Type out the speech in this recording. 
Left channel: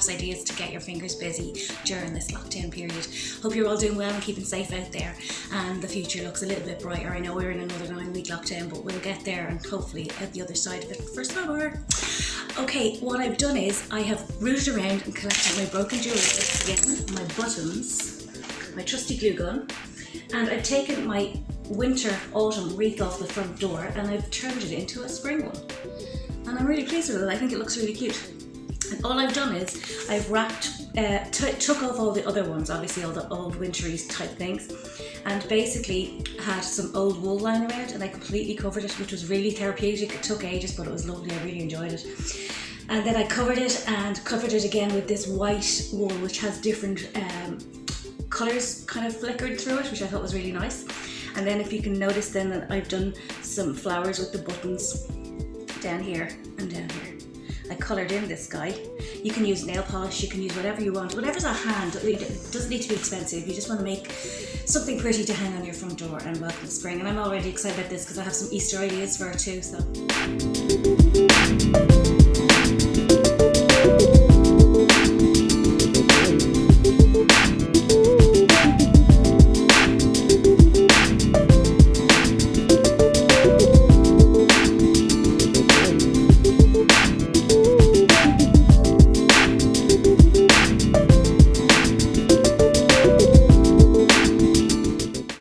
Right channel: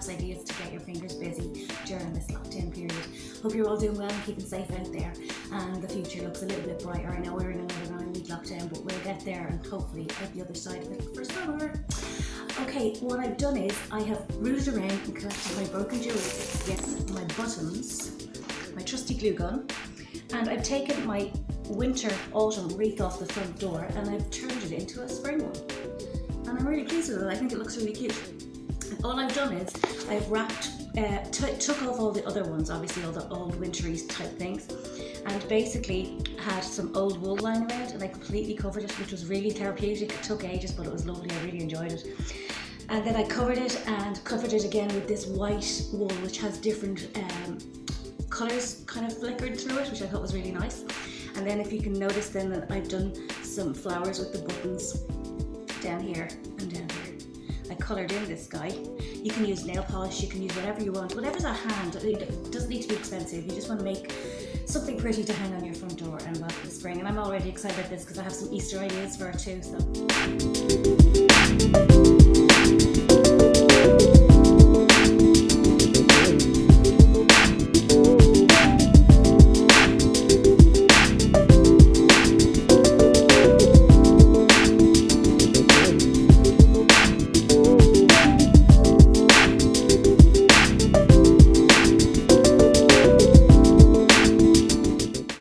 crafts ideas to get your fingers busy during this lockdown period. Hope you're all doing well and keeping safe out there, and the future looks a little bit brighter. I know we're in another 9-week lockdown, but we'll get there and hopefully at the other side of it for summer. Okay, what I've done is I have rooted around and collected my broken jewellery, my buttons, my trusty glue gun, and I've taken my winter-autumn wreath off the front door and I've turned it into a spring one. And I'm really pleased with it. I think it looks really cute. And all I've done is I've wrapped, took off all the other ones, obviously all the old wintry type things, and basically had some old wool lying around and I completely covered it, which was really therapeutic. It took ages, but it was lovely. I really enjoyed it. And then I covered it and covered it again with this white wool, which has different colours kind of flickered through it, which I thought was really nice. And then if you can notice then that I've done some flowers with the buttons down here and down here. I coloured in this guy. You can use nail polish, you can use whatever you want, whatever's at hand. It doesn't need to be expensive. You just want to make something pretty to hang on your front door and welcome the spring. And I'm already excited about this because I have some Easter ideas for it too. So.